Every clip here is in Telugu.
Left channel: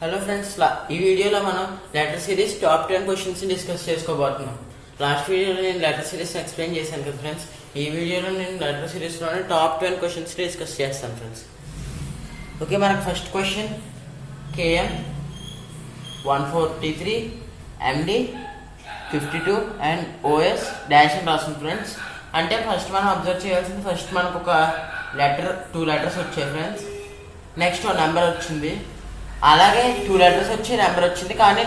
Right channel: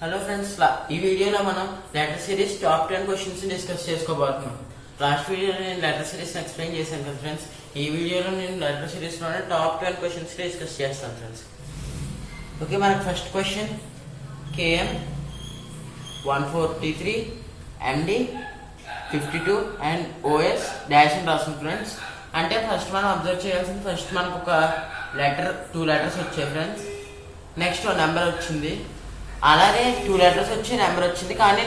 హలో ఫ్రెండ్స్, ఈ వీడియోలో మనం letter series top 10 questions discuss చేసుకోబోతున్నాం. లాస్ట్ వీడియోలో నేను లెటర్ సిరీస్ ఎక్స్ప్లెయిన్ చేశాను కదా ఫ్రెండ్స్. ఈ వీడియోలో నేను లెటర్ సిరీస్ లోనే టాప్ 10 క్వశ్చన్స్ డిస్కస్ చేస్తాను ఫ్రెండ్స్. ఓకే, మనకు first question KM 143 MD 52 and OS dash అని రాస్తుంది ఫ్రెండ్స్. అంటే ఫస్ట్ మనం అబ్జర్వ్ చేయాల్సింది, ఫస్ట్ మనకు ఒక లెటర్ 2 లెటర్స్ వచ్చాయి ఫ్రెండ్స్. నెక్స్ట్ నెంబర్ వచ్చింది, అలాగే 2 లెటర్స్ వచ్చి నెంబర్ వచ్చింది. కానీ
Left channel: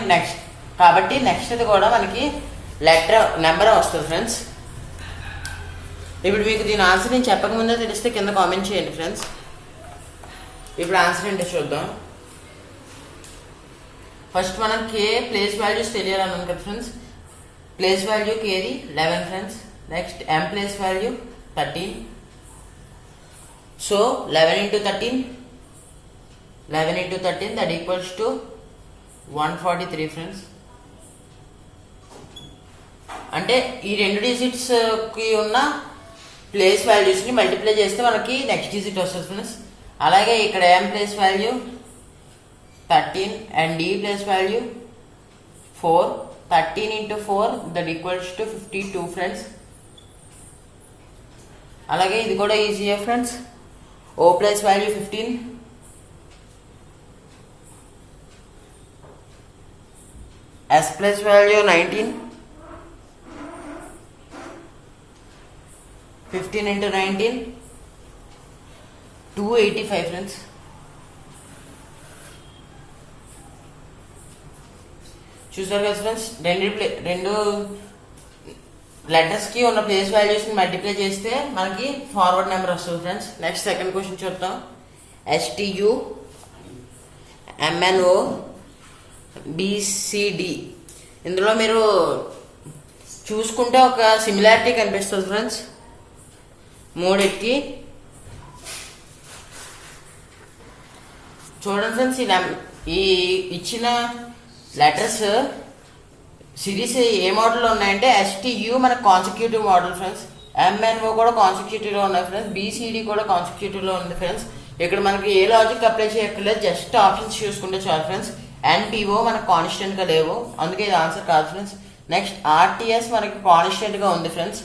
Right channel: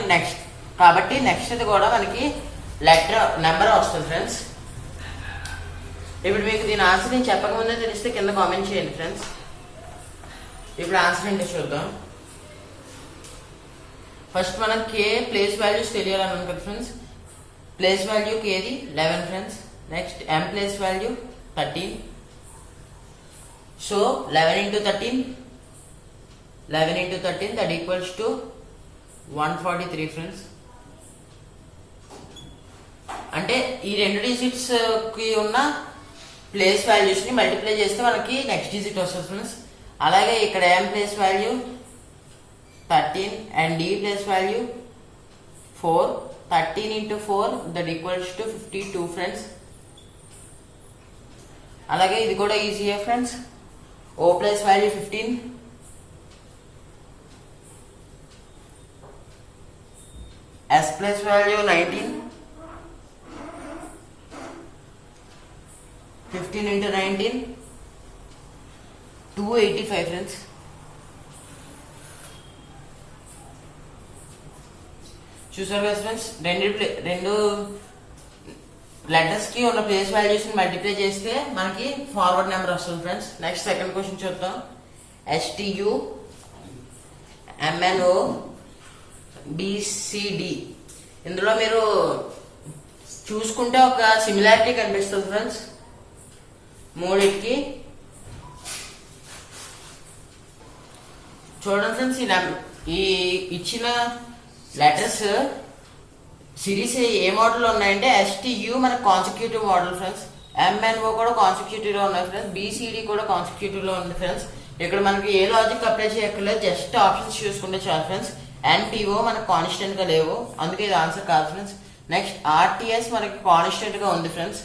కాబట్టి నెక్స్ట్ కూడా మనకి లెటర్ నెంబర్ వస్తుంది ఫ్రెండ్స్. ఇప్పుడు మీకు దీని ఆన్సర్ నేను చెప్పకముందే తెలిస్తే కింద కామెంట్ చేయండి ఫ్రెండ్స్. ఇప్పుడు ఆన్సర్ ఏంటో చూద్దాం. ఫస్ట్ మనం K ప్లేస్ వాల్యూస్ తెలియాలన్నాం కదా ఫ్రెండ్స్. ప్లేస్ వాల్యూ Kది 11 friends. Next M place value 13. So 11 into 13 that equals to 143 friends. అంటే ఈ 2 డిజిట్స్ కి ఉన్న ప్లేస్ వాల్యూస్ ని మల్టిప్లై చేస్తే మనకి నెక్స్ట్ డిజిట్ వస్తుంది ఫ్రెండ్స్. అలాగే ఇక్కడ M place value 13 and D place value 4. 13 into 4 that equals to 52 friends. అలాగే ఇది కూడా ఈజీయే friends. O place value 15, S place value 19. 15 into 19 285 friends. చూసారు కదా ఫ్రెండ్స్, రెండు లెటర్స్ కి ఉన్న ప్లేస్ వాల్యూస్ ని మల్టిప్లై చేస్తే మనకి ఫార్వర్డ్ నెంబర్ వస్తుంది ఫ్రెండ్స్. నెక్స్ట్ సెకండ్ క్వశ్చన్ చూద్దాం. STU MNO BCD. ఇందులో మీరు చూసుకుంటే ఒక సిమిలారిటీ కనిపిస్తుంది ఫ్రెండ్స్ మూడింటికి. చూడండి ఫ్రెండ్స్, ఈ ఇచ్చిన లెటర్స్ సిరీస్ ఏ మోడల్ లో ఉన్నాయంటే STU మనకు కాన్సిక్యూటివ్ మోడల్ ఫ్రెండ్స్. MNO కూడా కాన్సిక్యూటివ్ లో ఉన్నాయి ఫ్రెండ్స్. BCD కూడా కాన్సిక్యూటివ్ లో ఉంది ఫ్రెండ్స్. ఇక్కడ మనకి ఏ లాజిక్ అప్లై చేయక్కర్లేదు, జస్ట్ ఆప్షన్స్ చూసుకుంటే చాలు ఫ్రెండ్స్. NPO మనకు కాన్స్టెంట్ గా లేవు, అందుకే ఇది ఆన్సర్ కాదు ఫ్రెండ్స్. నెక్స్ట్ RTS మనకి కాన్స్టెంట్ గా ఉంది ఫ్రెండ్స్,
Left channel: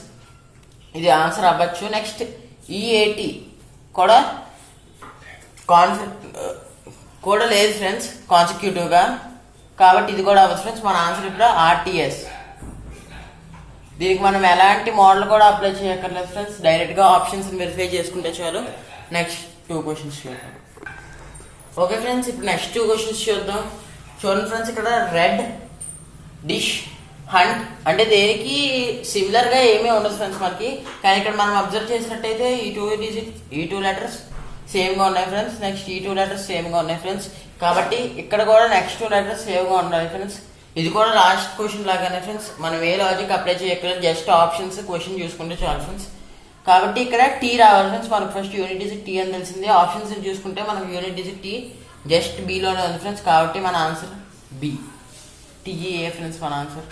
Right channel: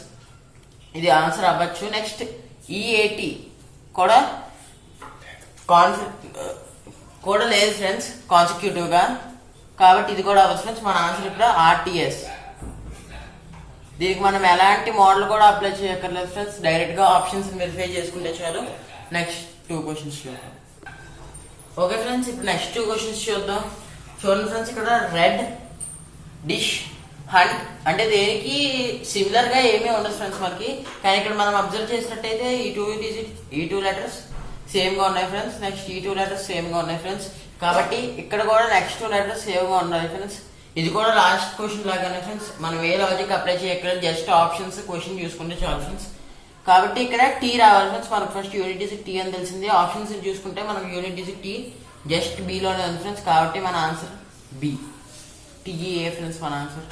ఇది ఆన్సర్ అవ్వచ్చు. నెక్స్ట్ EAT కూడా లేదు ఫ్రెండ్స్ కాన్సిక్యూటివ్ గా, కాబట్టి ఇది కూడా అవ్వచ్చు ఫ్రెండ్స్. మన ఆన్సర్ ఇప్పుడు RTS. దీనికి మనం ఎలాంటి మోడల్ కూడా అప్లై చేయక్కర్లేదు ఫ్రెండ్స్, డైరెక్ట్ గా ఆప్షన్స్ వెరిఫై చేసుకుంటే చాలు. నెక్స్ట్ 2 క్వశ్చన్స్ చూద్దాం. ఓకే ఫ్రెండ్స్, ఇప్పుడు నెక్స్ట్ 2 క్వశ్చన్స్ చూద్దాం. చూడండి ఫ్రెండ్స్, ఇక్కడ రెడ్ డిష్ హంట్ అంటే దేనికి సిమిలర్ గా ఏమీ ఉండదు ఫ్రెండ్స్ మనకి. కానీ ఇక్కడ మనం అబ్జర్వ్ చేసినట్టయితే ఈ టూ లెటర్స్ సేమ్ గా ఉన్నాయి ఫ్రెండ్స్. నెక్స్ట్ ఈ 2 లెటర్స్ సేమ్ గా ఉన్నాయి ఫ్రెండ్స్. కాబట్టి ఇక్కడ కూడా నెక్స్ట్ 2 లెటర్స్ సేమ్ గా ఉండాలి ఫ్రెండ్స్. ఇది కూడా లాస్ట్ క్వశ్చన్ లాగానే ఫ్రెండ్స్, మనం ఏ లాజిక్ అప్లై చేయక్కర్లేదు, జస్ట్ ఆప్షన్స్ క్వశ్చన్ చూసుకుంటే చాలు ఫ్రెండ్స్. కాబట్టి ఇక్కడ T రావాలి ఫ్రెండ్స్. మనకు ఫస్ట్ యూనిట్ డిజిట్ T అని తెలిసింది. ఆప్షన్స్ చూసుకుంటే మనకు unit digit T just B లోనే ఉంది ఫ్రెండ్స్. కాబట్టి మన ఆన్సర్ B, TEA ఫ్రెండ్స్ మన ఆన్సర్.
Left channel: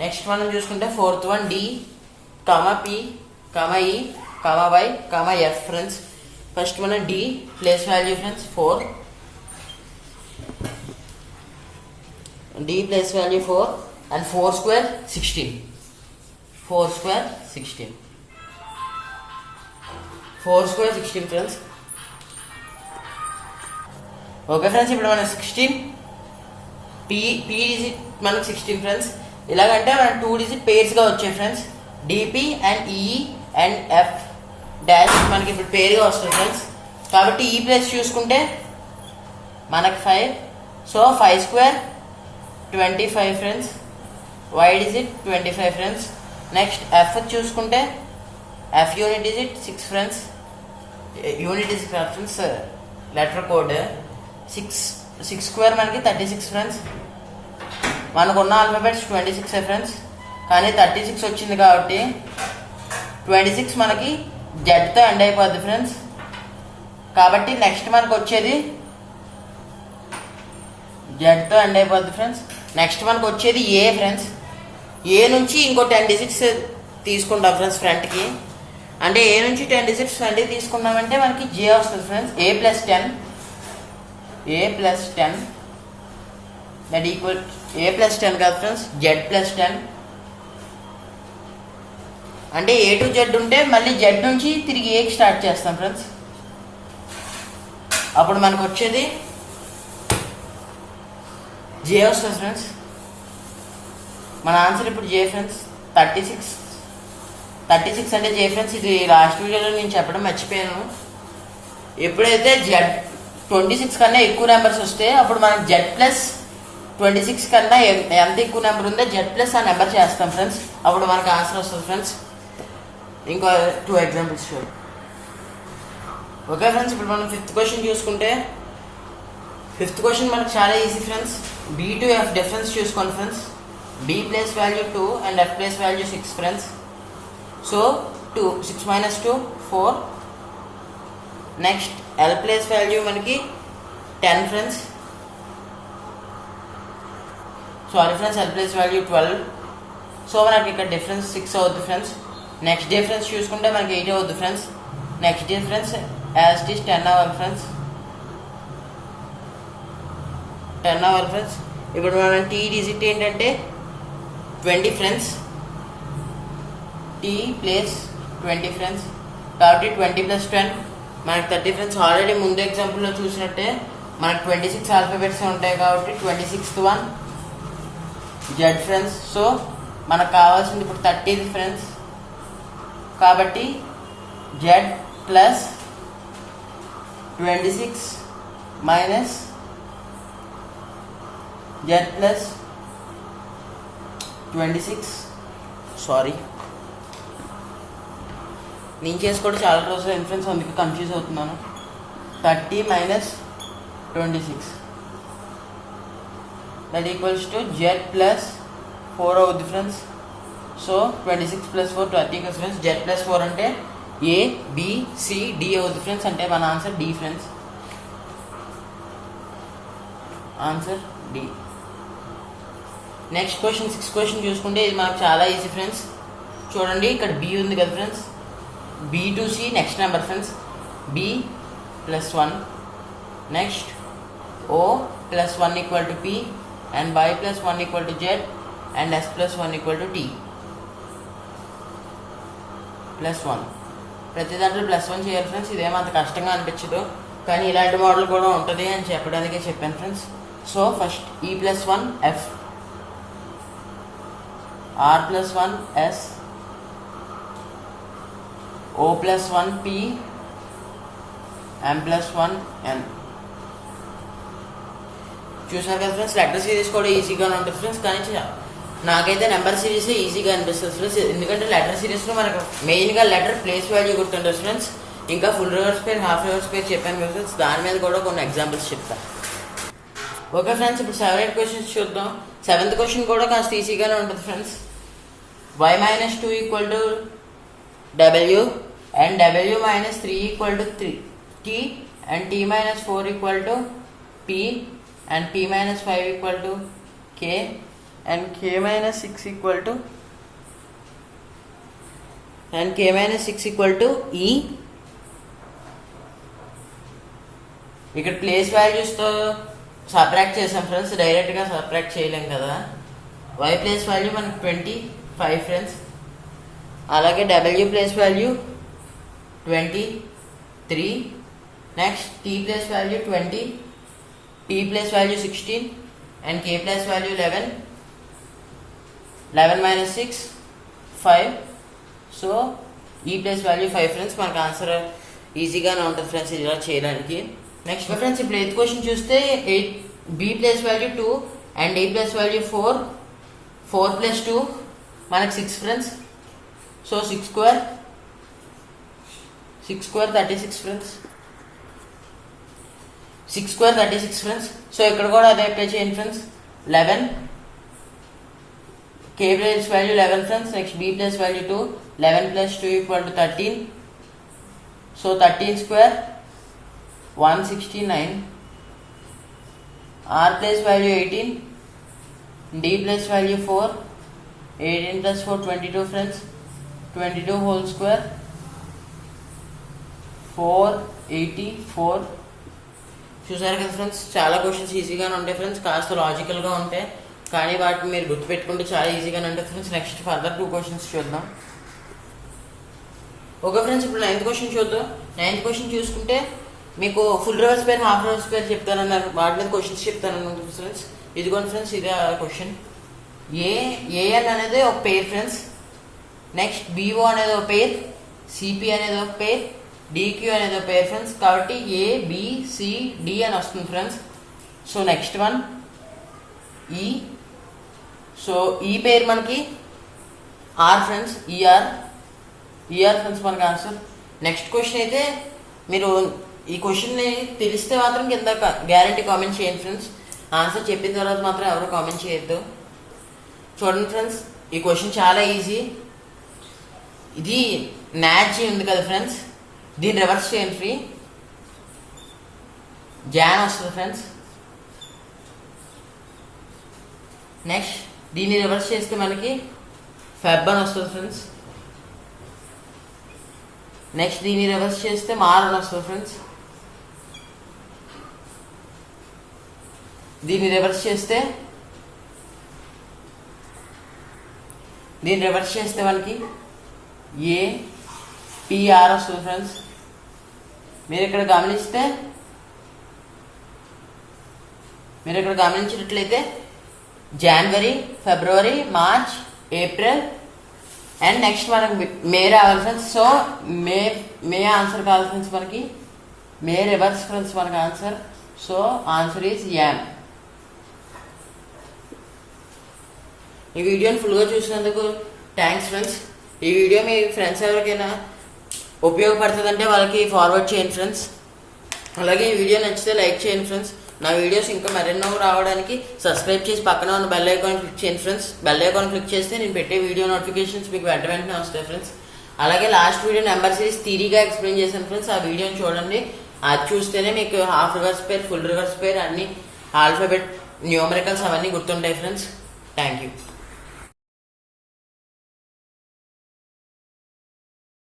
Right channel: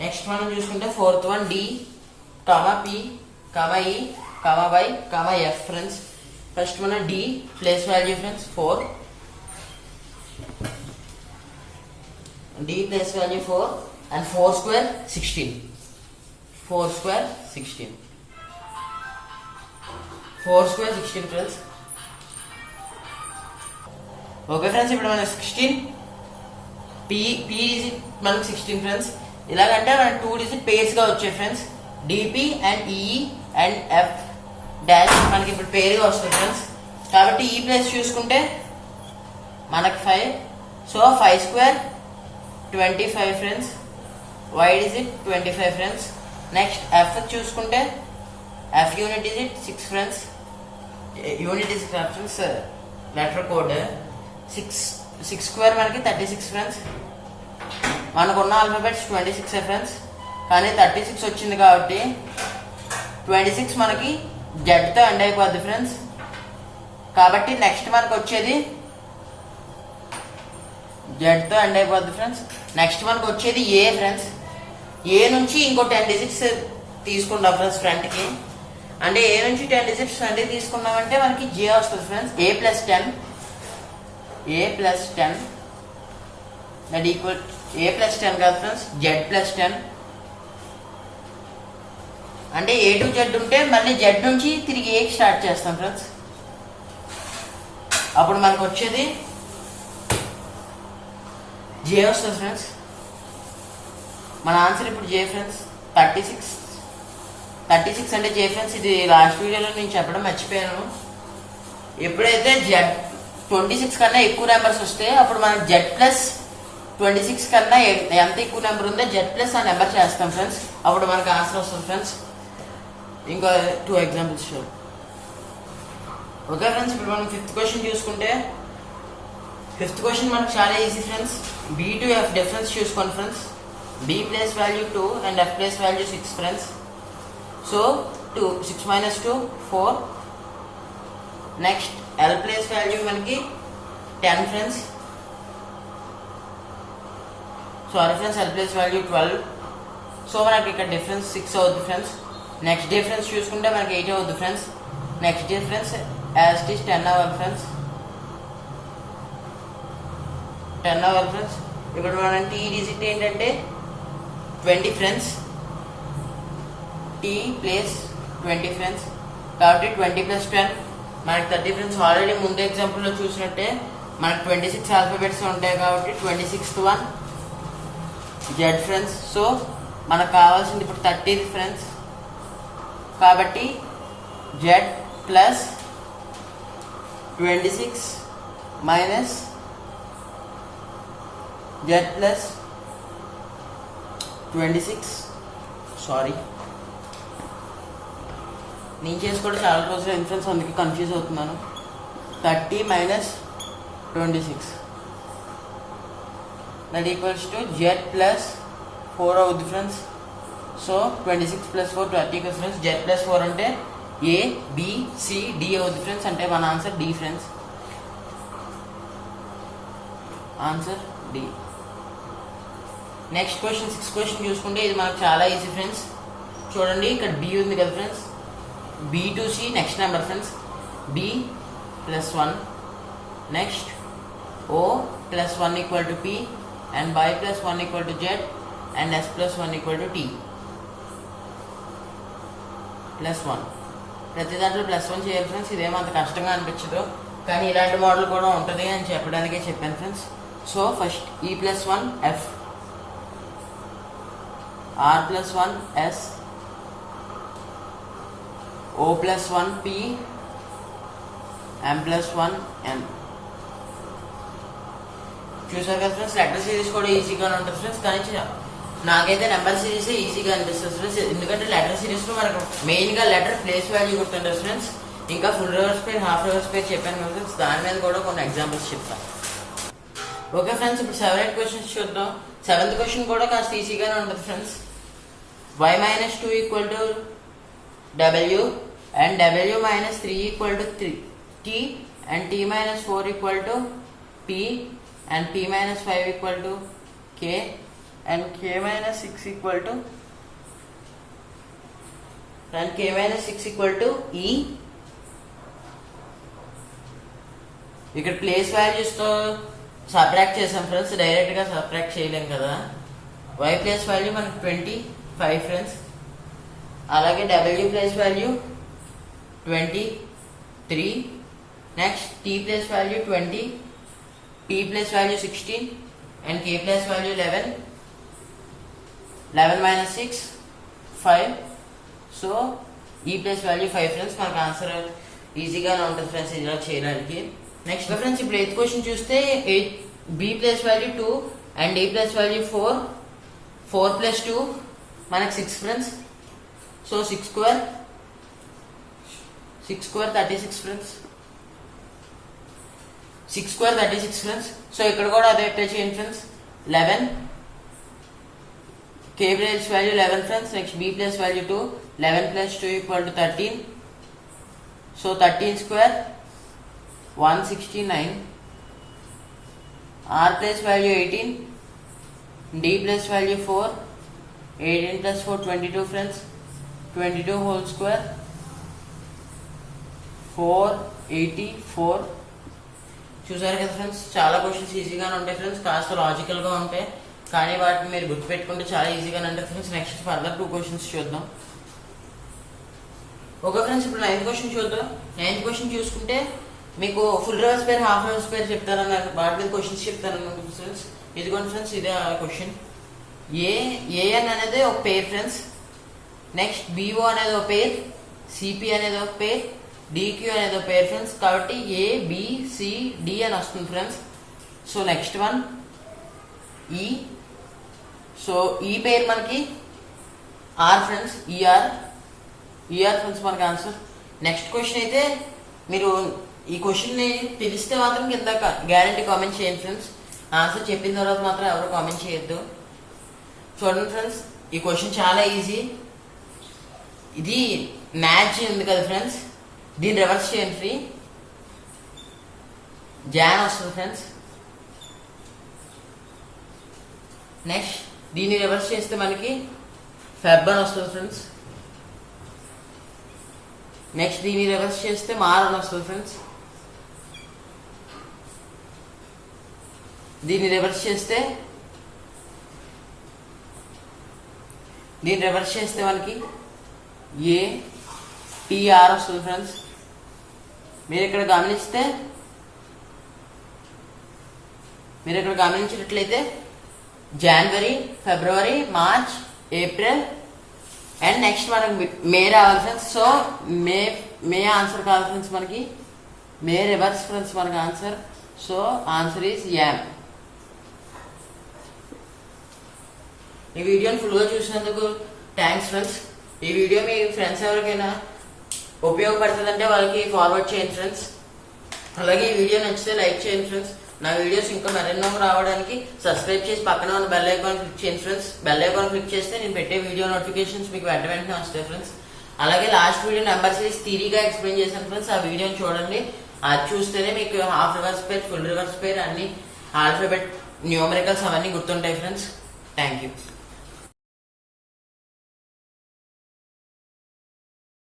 నెక్స్ట్ మనం చూసుకుంటే 4th one D, P, E, Y, F friends. First మనం D place value friends 4. D place value 4 and 4 square 16. 4 square 16 friends. Okay friends, ఇప్పుడు మనకి 16 P డిజిట్ మనకి 16 ఫ్రెండ్స్. ఇలాగంటే మన 2 డిజిట్ పేర్స్ గా వచ్చాయి friends. DP and E and F dash మనకి ఇప్పుడు పేరుగా వస్తుంది ఫ్రెండ్స్. కాబట్టి ఈ ప్లేస్ చూసుకుంటే మనకి 5. So 5 square 25 friends. Y digit 25 friends. Next F చూసుకుంటే F unit digit 6 friends. Unit digit friends letter code 6 square మనకి 36 ఫ్రెండ్స్. మనకున్న ఆల్ఫాబెట్స్ 26 ఫ్రెండ్స్, కానీ 36 వచ్చింది కాబట్టి 26 మనకి Z తో ఎండ్ అయిపోద్ది ఫ్రెండ్స్. కాబట్టి నెక్స్ట్ మనకు వచ్చేది Z తో ఎండ్ అయిపోద్ది ఫ్రెండ్స్. నెక్స్ట్ మనకు వచ్చేది A ఫ్రెండ్స్. A నుంచి ఇంకో 10 డిజిట్స్ తీసుకుంటాం ఫ్రెండ్స్ ఫ్రంట్ కి. అంటే ఏ నుంచి 10 డిజిట్స్ 20 తీసుకున్నామంటే మనకి జే వస్తుంది friends. a plus 10 a plus 10 that equal a plus 10 కాదు ఫ్రెండ్స్ z plus 10 అంటే a to z ఉంటే మళ్ళీ z నుంచి తిరిగి a కి స్టార్ట్ చేస్తాం ఫ్రెండ్స్. అప్పుడు మనకు వచ్చేది j వస్తుంది ఫ్రెండ్స్. మన ఆన్సర్ ఇప్పుడు j ఫ్రెండ్స్ 36 అంటే j ఫ్రెండ్స్. ఇది లాస్ట్ వీడియోలో నేను చెప్పడం మర్చిపోయాను. ఎప్పుడైతే z 26 కన్నా ఎక్కువ నెంబర్స్ వస్తే అప్పుడు మనం z ప్లస్ 26 కన్నా ఎంత ఎక్కువ నెంబర్ ఉందో z ప్లస్ ఆ నెంబర్ చేస్తాం ఫ్రెండ్స్. అప్పుడు మనకు ఆన్సర్ వస్తుంది ఫ్రెండ్స్. ఇంకా 2 ఎగ్జాంపుల్స్ చూడండి. ఓకే ఫ్రెండ్స్, ఇప్పుడు మనం 5th క్వశ్చన్ చూసుకుంటే 5th క్వశ్చన్ మనకు చాలా easy friends. b to f difference చూసుకోండి friends. b place value 2 and f place value 6 friends. So 6 minus 2 4. Next l place value మనకి 10 friends. Sorry friends, l place value 12. So మనకి ఇక్కడ డిఫరెన్స్ 6 అవుతుంది ఫ్రెండ్స్. నెక్స్ట్ డిఫరెన్స్ చూసుకుంటే మనకి 8 అవుతుంది friends. Next difference as it is 10 అవ్వాలి ఫ్రెండ్స్. 10 అవ్వాలి ఫ్రెండ్స్. ఇప్పుడు మనం t డిజిట్ ఏంటంటే 20 ఫ్రెండ్స్. t place 20 friends. కాబట్టి 20 ప్లస్ 10 మనకి 30 ఫ్రెండ్స్. ఆల్రెడీ ముందు ఎగ్జాంపుల్లో చూసినట్టే మనకి 26 ఆల్ఫాబెట్స్ ఉంటాయి కాబట్టి 26th one z friends. So మనకు కావాల్సింది ఇప్పుడు 30 ఫ్రెండ్స్. కాబట్టి z plus 26 minus z plus 26. Sorry, నేను చేసుకోవడం చాలా రోజులు ఇన్ఫ్లుయెన్స్, అందుకే కన్ఫ్యూజ్ అవుతున్నాను. 30 minus 26 that equals to z plus 4 అవుద్ది friends. So 26 plus 4 30 friends. z plus 4 అంటే a b c d అవుద్ది ఫ్రెండ్స్. అంటే మన answer d friends. Answer d. Next question 6th question చూసుకుంటే ఇది మనకు చాలా ఈజీ ఫ్రెండ్స్. చూడండి, ఇక్కడ b ఉంది కదా friends. b to c next number friends. b plus 1. Next o plus 1 equal to p and y plus 1 equal to z and s plus 1 equal to t plus 1. ప్రతి దాంట్లో ప్లస్ 1 చేయాలి ఫ్రెండ్స్. ఇదేమంత కష్టంగా అనిపించదు, కానీ ఇలాంటి మోడల్ కూడా ఉంటుంది అని చెప్పడానికే చెప్పాను friends. So first e plus 1 f, r plus 1 s, o plus 1 p, m plus 1 n. చూసారు కదా ఫ్రెండ్స్, లెటర్ సిరీస్ కూడా ఈజీగానే ఉంటుంది ఫ్రెండ్స్. కానీ నాకైతే నెంబర్ సిరీస్ ఈజీగా అనిపిస్తుంది ఫ్రెండ్స్. ఎందుకంటే లెటర్ సిరీస్ లో మనకు మెయిన్ గా లెటర్ ప్లేస్ వాల్యూ గుర్తుంటుంది ఫ్రెండ్స్. ఇంకా ఫుల్ రివర్స్ పేర్, హాఫ్ రివర్స్ పేర్ చెప్పాను కదా ఫ్రెండ్స్. దాని మీద కూడా కొన్ని ఎగ్జాంపుల్స్ చెప్తాను. ఓకే ఫ్రెండ్స్, ఇప్పుడు 7 క్వశ్చన్స్ చూద్దాం. 7th క్వశ్చన్ కూడా కాస్త ఈజీగానే ఉంటుంది friends. y minus 2 equal to w and w minus 3 equal to t and t minus 4 equal to p and p minus 5 equal to k and k minus 6 equal to e. ఇక్కడ ప్లేస్ వాల్యూస్ తో సబ్ట్రాక్ట్ చేసాం ఫ్రెండ్స్. డైరెక్ట్ గా సబ్ట్రాక్ట్ చేయలేం కదా. y ప్లేస్ వాల్యూ మనకి 25 ఫ్రెండ్స్. అలాగే w place value 23. Next t place value 20, t place value 16 and k place value 11. 11 minus 6 5. So ఈ ప్లేస్ వాల్యూ 5 ఫ్రెండ్స్. మనకు ఆన్సర్ ఈజీగానే ఉంటుంది ఫ్రెండ్స్ ఇలా చేయడానికి. నెక్స్ట్ ఫ్రెండ్స్, ఇప్పుడు 8th క్వశ్చన్ చూస్తే b place value 2 and a place value 4. 4 plus 2 మనకు 6 friends. So 6 square 36 friends. 6 square 36 friends. So ఇక్కడ కూడా అదే అప్లై చేయండి friends. 11 k place value 11 friends. Next b place value 2. 11 plus 2 equal to 13. So 13 square 169. r place value 18, d place value 4. 18 plus 4 22 friends. 22 whole square 484. చూసారు కదా ఫ్రెండ్స్, చాలా క్వశ్చన్స్ ఈజీగానే ఉంటాయి ఫ్రెండ్స్, కాస్త లాజికల్ గా ఉంటాయి, కానీ వాటిని మీరు గుర్తుపెట్టుకుంటే చాలా ఈజీగానే ఉంటాయి ఫ్రెండ్స్. నెక్స్ట్ ఫర్దర్ 2 క్వశ్చన్స్ చూద్దాం. ఓకే ఫ్రెండ్స్, ఇప్పుడు 9th క్వశ్చన్ చూద్దాం. 9th క్వశ్చన్ చూసుకుంటే మీకు ఫుల్ రివర్స్ పేర్, హాఫ్ రివర్స్ పేర్ చెప్తానన్నారు, వాటి మీద క్వశ్చన్స్ చెప్తాను ఫ్రెండ్స్. ఇదిగోండి ఫ్రెండ్స్, ఇదే క్వశ్చన్. ఏఎన్ అనేది ఒక పేర్ ఫ్రెండ్స్, నెక్స్ట్ బిఓ అనేది ఒక పేర్, సిపి అనేది ఒక పేర్, డిక్యూ అనేది ఒక పేర్ ఫ్రెండ్స్. కాబట్టి ఏబిసిడి అని వస్తుంది ఫ్రెండ్స్. సో నెక్స్ట్ వన్ ఈ. సో ఈ పేరు మనకి ఆర్ ఫ్రెండ్స్, ఈఆర్ ఫ్రెండ్స్ మనకి ఆన్సర్. నెక్స్ట్ క్వశ్చన్ అయితే మీరు ఈ క్వశ్చన్ ని తెలిస్తే మాత్రం కింద గ్యారంటీ కామెంట్ చేయండి ఫ్రెండ్స్. ఆన్సర్ చెప్పిన తర్వాత మాత్రం ఎవరు కామెంట్ చేయొద్దు. చూడండి ఫ్రెండ్స్, ఈ క్వశ్చన్ చాలా ఈజీ. ఇది మ్యాచ్ ఉంది కదా ఫ్రెండ్స్, దీన్ని రివర్స్ చేయండి ఫ్రీ, జాన్ వస్తుంది ఫ్రెండ్స్. నెక్స్ట్ దీన్ని రివర్స్ చేస్తే మనకి ఫెబ్ అని వస్తుంది ఫ్రెండ్స్. నెక్స్ట్ దీన్ని రివర్స్ చేస్తే మార్ అని వస్తుంది ఫ్రెండ్స్. దీన్ని రివర్స్ చేస్తే మనకి ఏ టిఆర్ వస్తుంది ఫ్రెండ్స్. మీరు ఇక్కడ గమనించినట్లయితే జనవరి, ఫిబ్రవరి, మార్చ్, ఏప్రిల్ అండ్ నెక్స్ట్ మనకి మే రావాలి ఫ్రెండ్స్. సో మే ఆన్సర్ కావాలి ఫ్రెండ్స్, మనకి మే రివర్స్ ఫ్రెండ్స్ మనకి answer. So answer is am. ఈ వీడియోని ఫుల్ గా చూసినందుకు థ్యాంక్స్ ఫ్రెండ్స్. ఈ వీడియో మీ ఫ్రెండ్స్ ఎవరికైనా ఉపయోగపడుతుందంటే వాళ్ళకి ఫార్వర్డ్ చేయండి ఫ్రెండ్స్. అలాగే ఈ వీడియో నచ్చితే లైక్ చేయండి ఫ్రెండ్స్. నా వీడియోస్ ఇంకా మరెన్నో రావడానికి సబ్స్క్రైబ్ చేసి పక్కన ఉన్న బెల్ ఐకాన్ క్లిక్ చేయండి ఫ్రెండ్స్. బెల్ ఐకాన్ క్లిక్ చేస్తే నేను పెట్టే వీడియో నోటిఫికేషన్స్ మీకు వెంటనే వస్తాయి ఫ్రెండ్స్. అలాగే లాస్ట్ వీడియో నెంబర్ సిరీస్ థియరీగా ఎక్స్ప్లెయిన్ చేశాను ఫ్రెండ్స్, ఆ వీడియోని చూడండి. అది చూస్తేనే మీకు half reverse pair, full reverse pair, అన్ని ఆల్ఫాబెట్ న్యూమరికల్స్ అవన్నీ గుర్తుంటాయి ఫ్రెండ్స్. Thank you.